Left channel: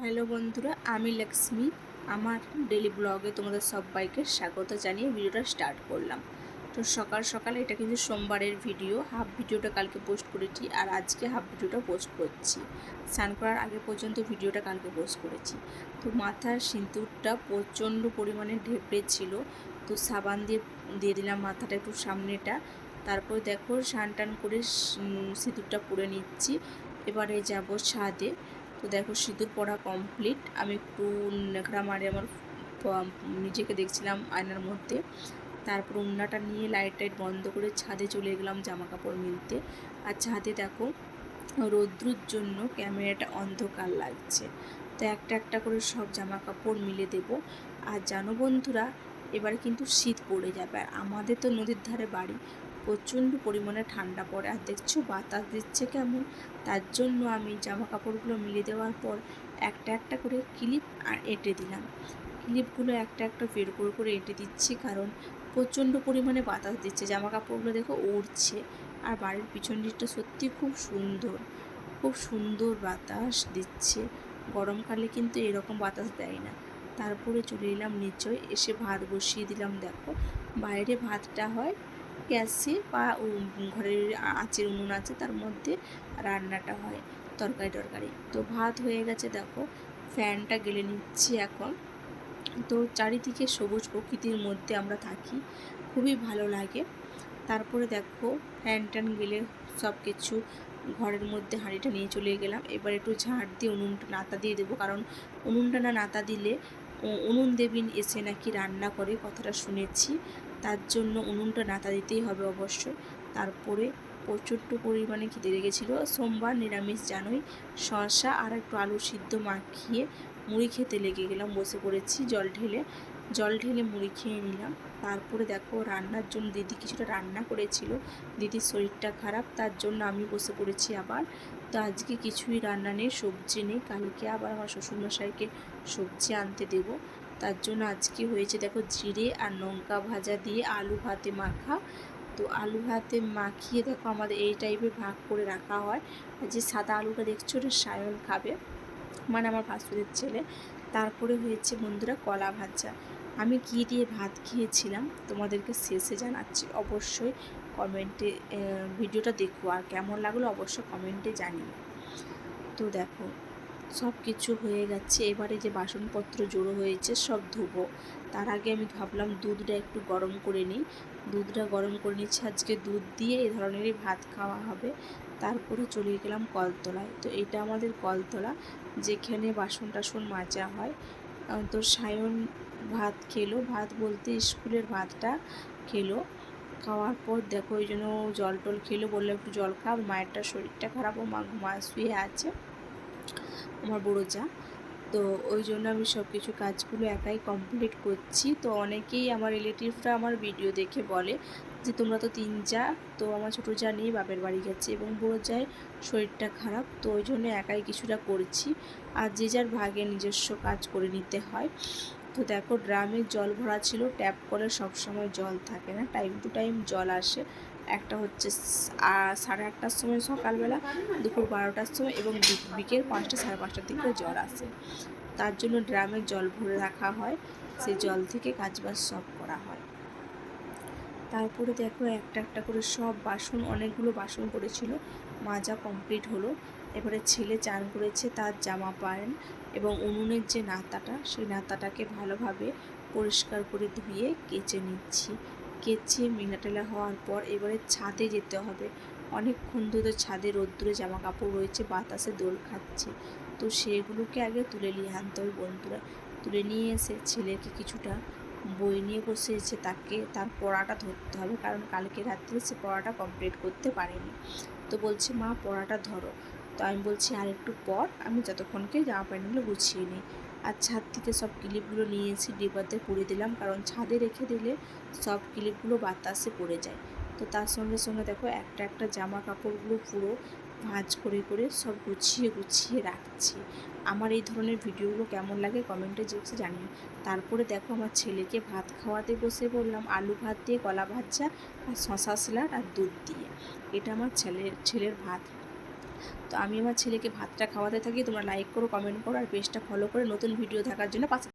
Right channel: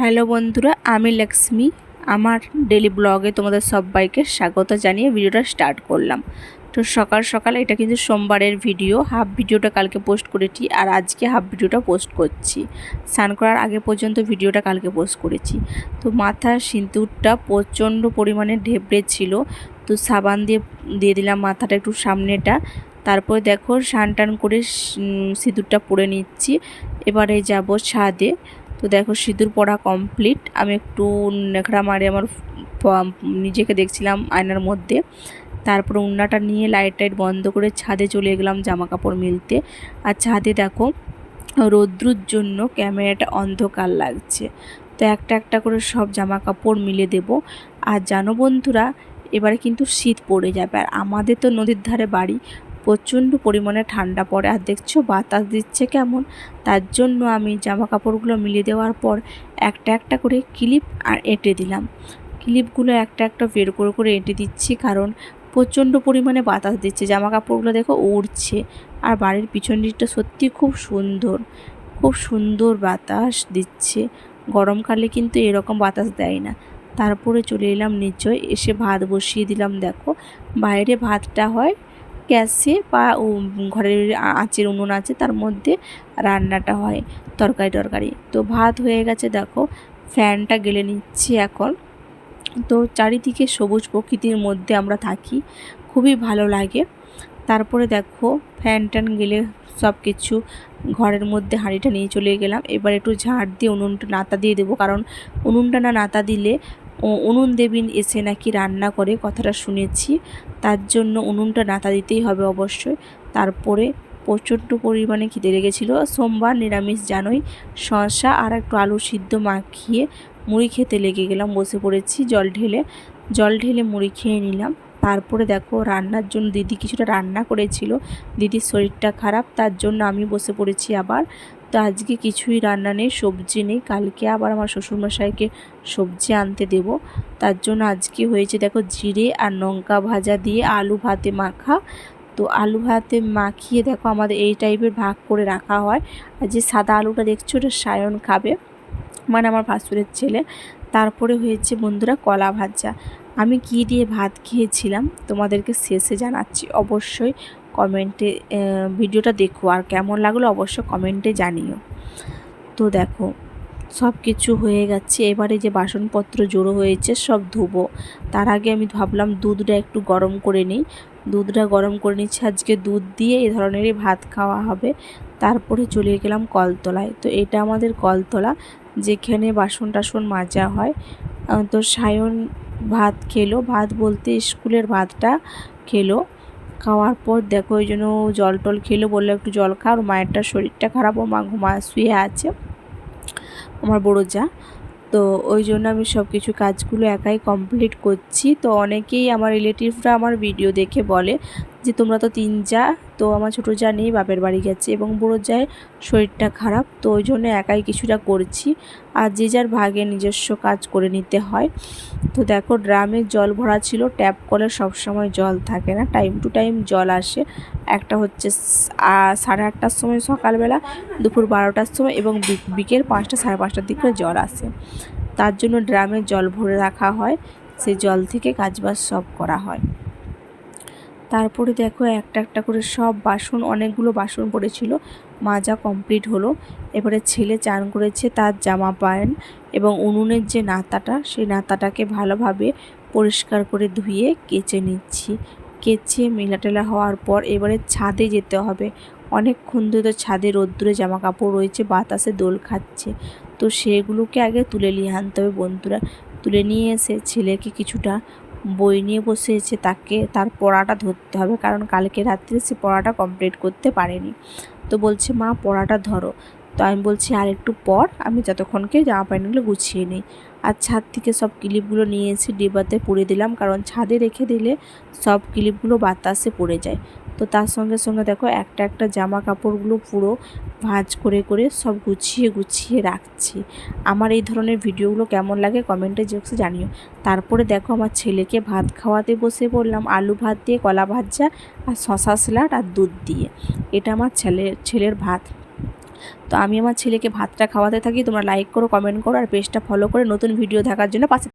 Hello বন্ধুরা, আমি লক্ষ্মী। আমার ডেলি ব্লগে তোমাদের সবাইকে স্বাগত জানিয়ে ভিডিওটা স্টার্ট করলাম। তো সকাল সকাল এটা কিন্তু সোমবারের ভিডিও হাফ ভিডিওটা কালকে পোস্ট করেছি আর আজকে হাফ ভিডিওটা পোস্ট করছি। স্নান করার আগে পর্যন্ত ভিডিওটা কালকে পোস্ট করেছি। তো মাথার সিঁদুরটা প্রচণ্ড পরিমাণে ঢেবড়ে ছিল। তো সাবান দিয়ে দিয়ে দিলাম মাথাটা একটু সামনেটা। তারপরে দেখো সান টান করে সিঁদুরটা পরে নিচ্ছি। এবারে যাব ছাদে। তো দেখো সিঁদুর পরা কমপ্লিট আমি একটু নেখড়া মারে আমার নিজেকে দেখছিলাম আয়নার মধ্যে। তারপরে উন্নাটা নিয়ে লাইট টাইট বন্ধ করে ছাদে চলে গেলাম জামা কাপড় মিলতে। আর ছাদে দেখো রৌদ্রুর জন্য ক্যামেরাটা অন্ধকার লাগছে। তো একটা একটা করে সব জামা কাপড় মিলে দেব। আর জানো বন্ধুরা, এবারে কিন্তু শীত পড়ে যাবে। আর আমাদের তো নদীর ধারে বাড়ি প্রচণ্ড পরিমাণে ঠান্ডা পড়ে। আর দেখছ, বাতাস দিচ্ছে কেমন? তার জন্য আমি জামা কাপড়গুলো মিলিয়ে দেওয়ার পর একটা একটা করে ক্লিপ আর এঁটে দিলাম। ক্লিপগুলো একটা একটা বের করে করে এঁটে দিচ্ছি কারণ প্রচণ্ড পরিমাণে বাতাস দিচ্ছে। জামা কাপড়গুলো দেখো উড়ছে। আর বাড়ির পিছন দিকটা সত্যি খুব সুন্দর। খুব সুন্দর বাতাস দিচ্ছে। গরমকালে কিন্তু এরকম বাতাস দেয় না। তারপরে চলে এলাম নিচে এসে ভাত বসিয়ে দিলাম, দেখো। বাইরে ভাতটা হয় গ্যাসে বা ঘরের আঁচের উনুন আছে তার মধ্যে রান্নাটা হয় তরকারি টরকারি। তো ভাত হয়ে গেছে দেখো, ফ্যানটা গেলে নিচ্ছি এখন। তো চারিদিকে সবুজ প্রকৃতির মধ্যে আমরা থাকি, খুবই ভালো লাগে। তারপরে দেখো, ফ্যান ট্যান গেলে সব কিছু ঘরের মধ্যে হাঁড়িটা নিয়ে চলে গেলাম। এবার একটু ঝাড় দিয়ে উনুনটা নাতা দিয়ে দেবো, কারণ উনুনটা না নাতা দিলে উনুন দেবিন এসে নাকি রান্না করে কথাটা শুনেছি। তার জন্য উনুনটা নাতা দিতেই হবে অবশ্যই। তারপরে প্রচণ্ড পরিমাণে খিদে লেগেছিলো। সোমবার নিরামিষ জানোই শসা আর একটু আলু সিদ্ধ মাখিয়ে মুড়ি খেতে লেগে গেলাম, বসে পড়েছি জল ঢেলে। জল ঢেলে মুড়ি খেয়ে নিলাম। তারপরে দেখো রান্নার জন্য দিদি কিছুটা রান্না করেছিল। দিদির শরীরটা খারাপ, তার জন্য আমি বসে পড়েছি আবার। তো আজকে কিছুই রান্না নেই, সবজি নেই। কালকে আবার আমার শ্বশুরমশাইকে সবজি আনতে দেব। তার জন্য আজকে হয়েছে দেখো জিরে আর লঙ্কা ভাজা দিয়ে আলু ভাতে মাখা। তো আলু ভাতে মাখিয়ে দেখো আমাদের এই টাইপের ভাগ করে রাখা হয়। আর যে সাদা আলুটা দেখছ ওটা সায়ন খাবে মানে আমার ভাসুরের ছেলে। তারপরে হয়েছে বন্ধুরা কলা ভাজা। আমি কী দিয়ে ভাত খেয়েছিলাম তোমাদেরকে শেষে জানাচ্ছি। অবশ্যই কমেন্টে ভিডিওটা দেখো। আর কেমন লাগল অবশ্য কমেন্টে জানিও। তো দেখো, সব কিছু হয়ে গেছে। এবারে যে বাসনপত্র জড়ো হয়েছে, সব ধুবো। তার আগে আমি ভাবলাম দুধটা একটু গরম করে নিই। দুধটা গরম করে নিচ্ছি। আজকে দুধ দিয়ে এ ধরনেরই ভাত খাওয়া হবে। তারপরে চলে গেলাম কলতলায়। তো এটা আমাদের কলতলা, যেখানে বাসন টাসন মাজা হয়। তো সায়ন ভাত খেলো। ভাত বলতে স্কুলের ভাতটা খেলো। খাওয়ার পর দেখো ওই জন্য জল টল খেলো, বলল একটু জল খা আর মায়েরটা শরীরটা খারাপ, ও মা ঘুমা শুয়ে আছে, আমার বড়ো যা। তো ওই জন্য আমি সব কিছু কাজগুলো একাই কমপ্লিট করছি। তো অনেকেই আমার রিলেটিভরা আমার ভিডিও দেখে বলে যে, তোমরা তো তিন যা তো আমার ছোটো যা নেই বাপের বাড়ি গেছে এবং বড়ো যায় শরীরটা খারাপ, তো ওই জন্য একাই কিছুটা করছি। আর যে যার ভাগে নিজস্ব কাজ করে নিতে হয়। তো দেখো, ড্রামে জল ভরা ছিল, ট্যাপ কলে সবসময় জল থাকে না, টাইম টু টাইম জল আসে। একটা হচ্ছে সাড়ে আটটার সময় সকালবেলা, দুপুর বারোটার সময় এবং বিকেল পাঁচটা, সাড়ে পাঁচটার দিকে জল আসে। তার জন্য ড্রামে জল ভরে রাখা হয় সেই জল থেকে কাজবাজ সব করা হয়। তারপরে দেখো একটা একটা করে সব বাসন, অনেকগুলো বাসন পড়েছিল। মাজা কমপ্লিট হলো। এবারে ছেলে চান করেছে তার জামা প্যান্ট এবং উনুনের যে নাতাটা, সেই নাতাটাকে ভালোভাবে পরিষ্কার করে ধুয়ে কেচে নিচ্ছি। কেচে মেলাটেলা হওয়ার পর এবারে ছাদে যেতে হবে। অনেকক্ষণ ধরে তো ছাদে রোদ্দুরে জামা কাপড় রয়েছে, বাতাসে দোল খাচ্ছে। তো সেগুলোকে আগে তুলে নিয়ে আনতে হবে বন্ধুরা। তুলে নিয়ে এসে ছেলেকে কিছুটা বই নিয়ে বসে আছে তাকে, তার পড়াটা ধরতে হবে। কারণ কালকে রাত্রে সে পড়াটা কমপ্লিট করতে পারেনি। তো বলছে, মা, পড়াটা ধরো। তো আমি বলছি, আর একটু পর আমি যতক্ষণকে জামা প্যান্টগুলো গুছিয়ে নিই। আর ছাদ থেকে সব ক্লিপগুলো নিয়ে এসে ডিবাতে পুড়ে দিলাম। কারণ ছাদে রেখে দিলে সব ক্লিপগুলো বাতাসে পড়ে যায়। তো তার সঙ্গে সঙ্গে দেখো একটা একটা জামা কাপড়গুলো পুরো ভাঁজ করে করে সব গুছিয়ে গুছিয়ে রাখছি। আমার এই ধরনের ভিডিওগুলো কেমন লাগে কমেন্টে বক্সে জানিও। তারপরে দেখো আমার ছেলেকে ভাত খাওয়াতে বসে পড়লাম, আলু ভাত দিয়ে, কলা ভাজা আর শশা স্যালাড আর দুধ দিয়ে। এটা আমার ছেলের ছেলের ভাত। তো আমি আমার ছেলেকে ভাতটা খাওয়াতে থাকি, তোমরা লাইক করো কমেন্ট করো আর পেজটা ফলো করে নতুন ভিডিও দেখার জন্য পাশে